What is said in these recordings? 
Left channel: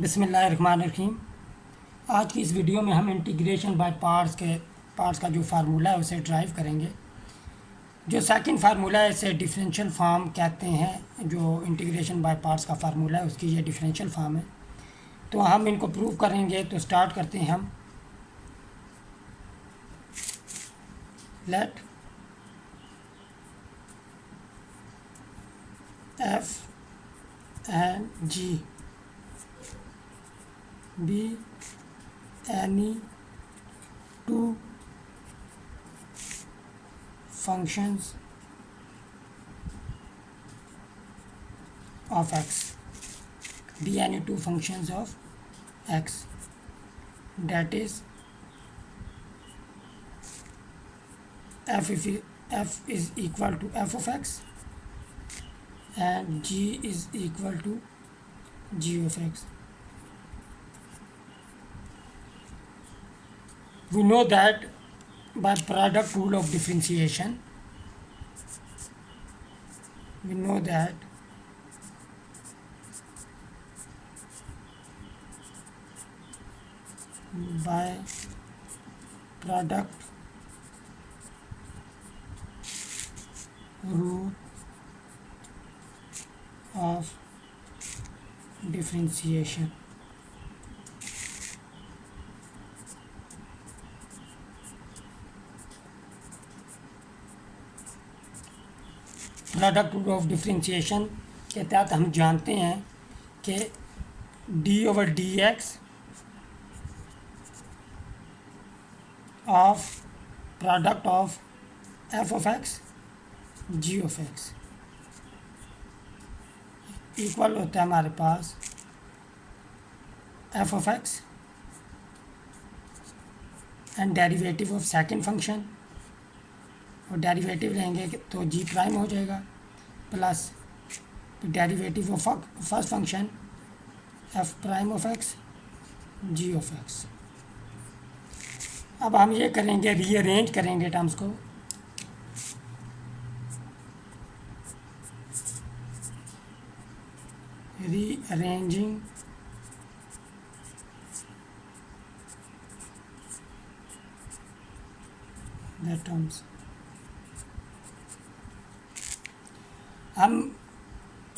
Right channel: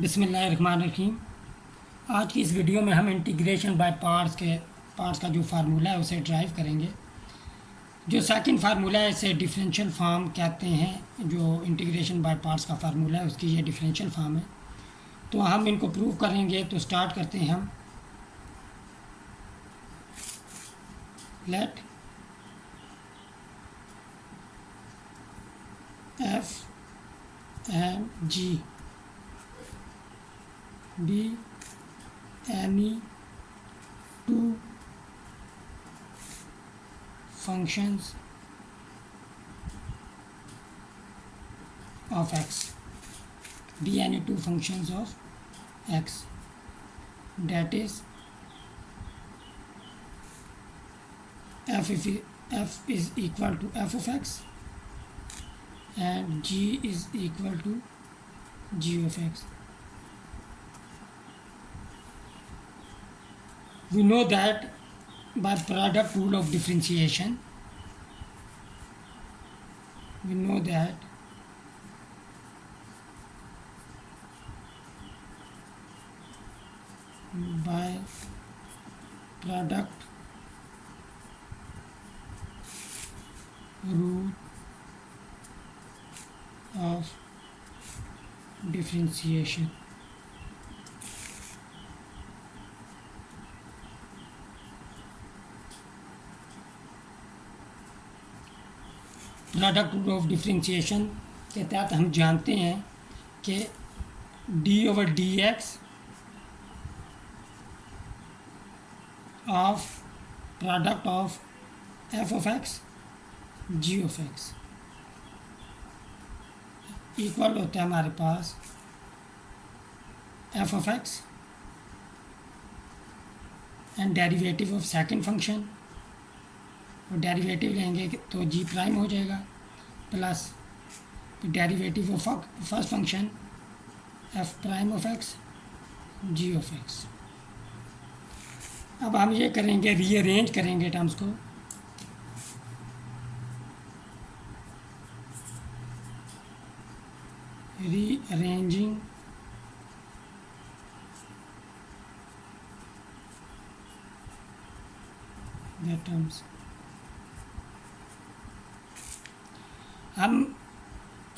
बिस्मिल्लाहिर्रहमानिर्रहीम। आज की इस वीडियो में हम इंटीग्रेशन बाय पार्ट्स का जो फार्मूला है उसे ड्राइव करेंगे। जो सेकंड फार्मूला है इसे डिफरेंशियल फार्म कहते हैं। जो इंटीग्रेशन बाय पार्ट्स का फार्मूला है उसकी ये डिफरेंशियल फार्म है। तो हम इनको प्रूव करेंगे। तो स्टार्ट करते हैं हम। Let F and G be any two functions of x, be any two functions of x, that is f is equal to f of x and g is equal to g of x. We know that by product rule of differentiation, we know that by product rule of differentiation, product rule of differentiation के तहत हम जानते हैं कि d/dx of product of f of x g of x equal होता है हमारे पास f of x and derivative of second function. और डेरिवेटिव लेंगे तो जी प्राइम हो जाएगा plus derivative of first function F prime of x ji of X. अब हम ये करेंगे, रीअरेंज करेंगे टर्म्स को। रीअरेंजिंग द टर्म्स, हम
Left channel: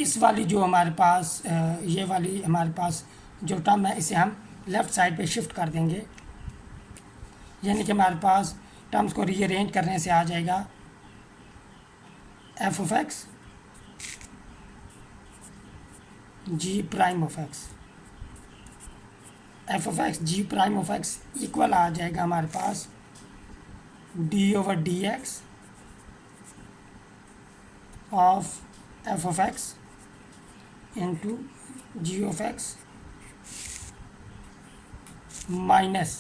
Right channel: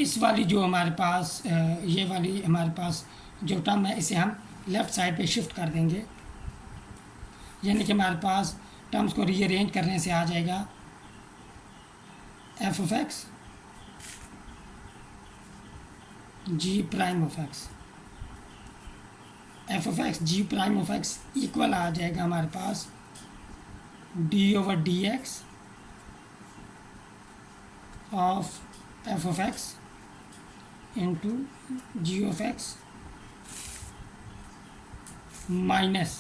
इस वाली जो हमारे पास ये वाली हमारे पास जो टर्म है इसे हम लेफ़्ट साइड पे शिफ्ट कर देंगे। यानी कि हमारे पास टर्म्स को रीअरेंज करने से आ जाएगा f of x g prime of x, f of x g prime of x equal आ जाएगा हमारे पास d/dx of f of x into g of x minus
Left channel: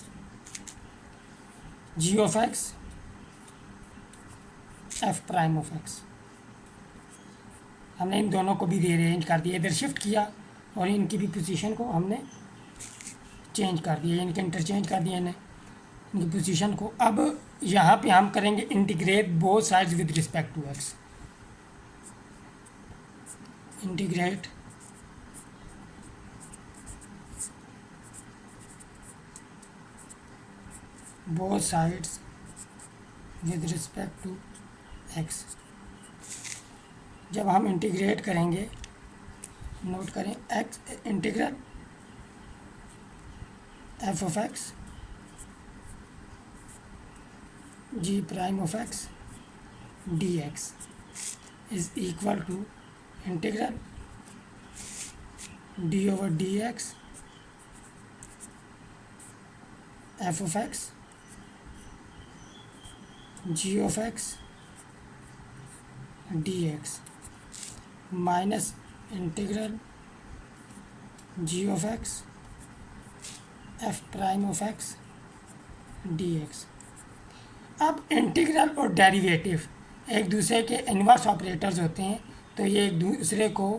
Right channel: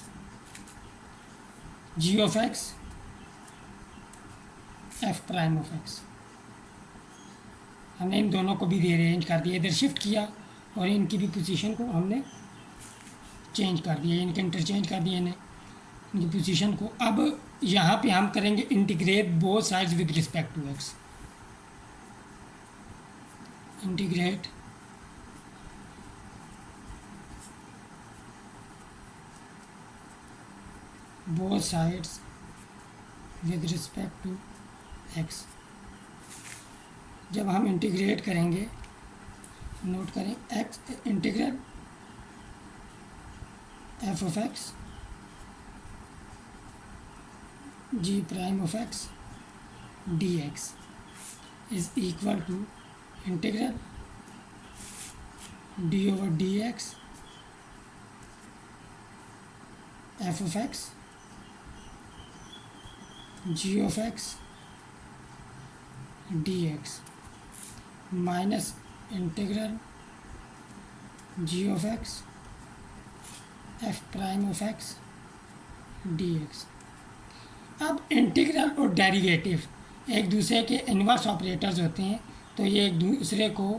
g of x f prime of x। हमने इन दोनों को भी rearrange कर दिया, इधर शिफ्ट किया और इनकी भी पोजीशन को हमने चेंज कर दिया, इनके इंटरचेंज कर दिया इन्हें, इनकी पोजीशन को। अब यहाँ पे हम करेंगे integrate both sides with respect to x। इंटीग्रेट both sides with respect to x। जब हम इंटीग्रेट करेंगे, नोट करें x integral f of x g prime of x dx is equal to integral d/dx f of x g of x dx minus integral g of x f prime of x dx। अब integral और derivative एक दूसरे के inverse operators होते हैं, तो ये एक दूसरे को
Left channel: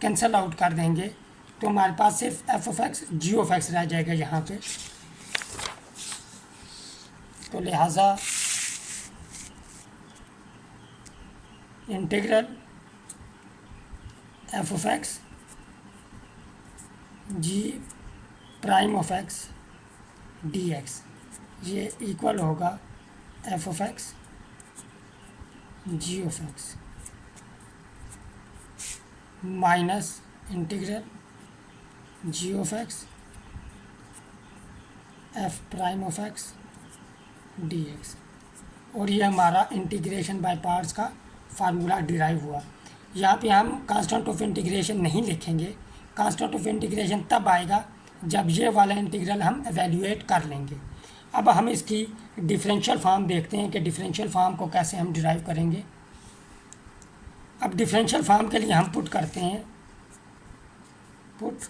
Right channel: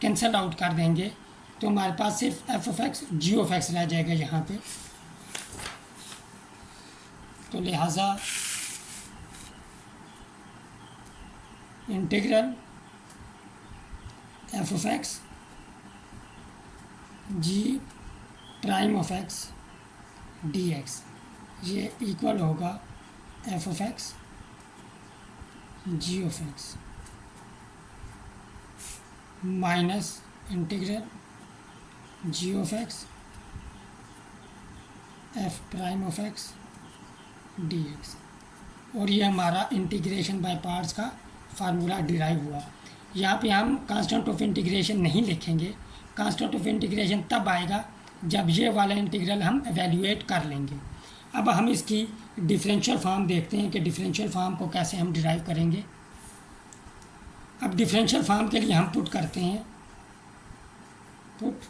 कैंसल आउट कर देंगे। तो हमारे पास सिर्फ f of x ji of x रह जाएगा यहाँ पे। तो लिहाजा integral f of x g prime of x d x, ये इक्वल होगा f of x ji of x minus integral g of x f prime of x d x. और ये हमारा इंटीग्रेशन बाय पार्ट्स का formula derive हुआ। यहाँ पे हम कांस्टेंट ऑफ इंटीग्रेशन नहीं लिखेंगे, कांस्टेंट ऑफ इंटीग्रेशन तब आएगा जब ये वाला इंटीग्रल हम एवेल्यूएट कर लेंगे। अब हम इसकी डिफरेंशियल फॉर्म देखते हैं कि डिफरेंशियल फॉर्म को कैसे हम डिराइव करेंगे। अब डिफरेंशियल फॉर्म के लिए हम पुट करते हैं, put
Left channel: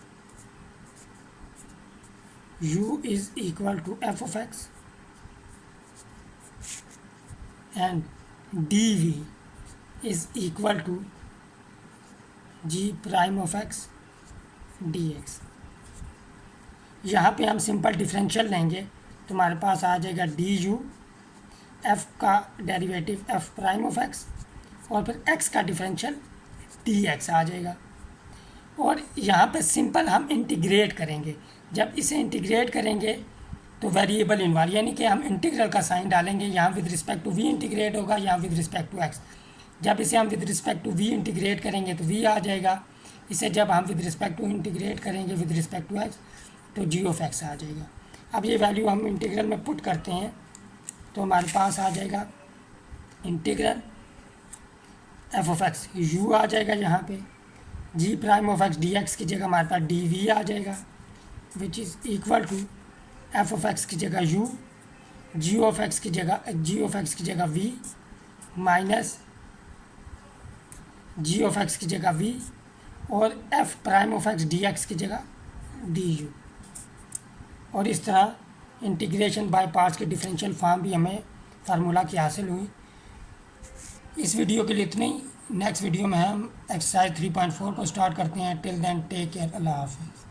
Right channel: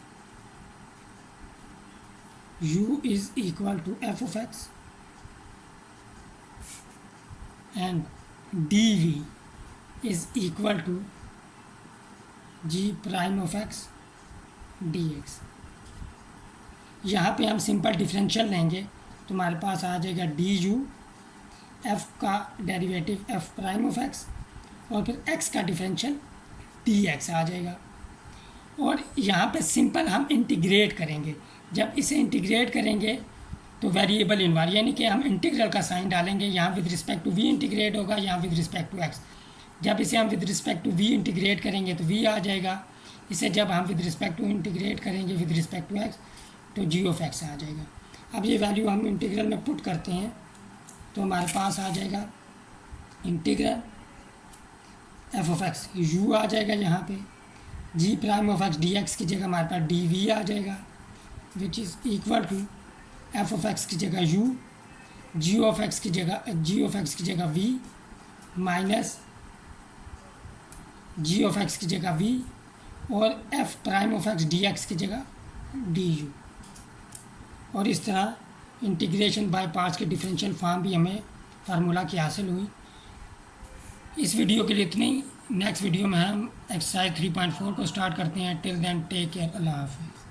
u is equal to f of x and dv is equal to g prime of x dx। यहाँ पे हम सिंपल डिफरेंशियल लेंगे तो हमारे पास आ जाएगा du, f का derivative f prime of x और फिर x का डिफरेंशियल dx आ जाएगा। और यहाँ पे सिंपल हम इंटीग्रेट करेंगे। जब इसे इंटीग्रेट करेंगे तो वेरिएबल इन्वॉल्व, यानी कि हम इंटीग्रल का साइन डालेंगे, यहाँ with respect to v integrate होगा, यहाँ विद रिस्पेक्ट टू x। जब इसे हम with respect to v integrate करेंगे तो v आ जाएगा, इसे जब हम विद रिस्पेक्ट टू इंटीग्रेट करेंगे विद रिस्पेक्ट टू x तो g ऑफ x आ जाएगा। अब ये वैल्यू हम इंटीग्रल में पुट करते हैं तो हमारे पास आ जाएगा integral f of x, u आ जाएगा यहाँ पे, g prime of x dx की जगह हमारे पास dv आ जाएगा which is equal to f of x की जगह u, g ऑफ x की जगह v minus g of x की जगह v और f prime of x dx की जगह du। और इस तरह इंटीग्रेशन बाय पार्ट्स के डिफरेंशियल फॉर्म भी हमें फार्मूला की हासिल हुई। इस वीडियो के लिए इतने ही। नेक्स्ट वीडियो में हम एक्सरसाइज 3.4 को स्टार्ट करते हैं। टिल देन टेक केयर, अल्लाह हाफिज़।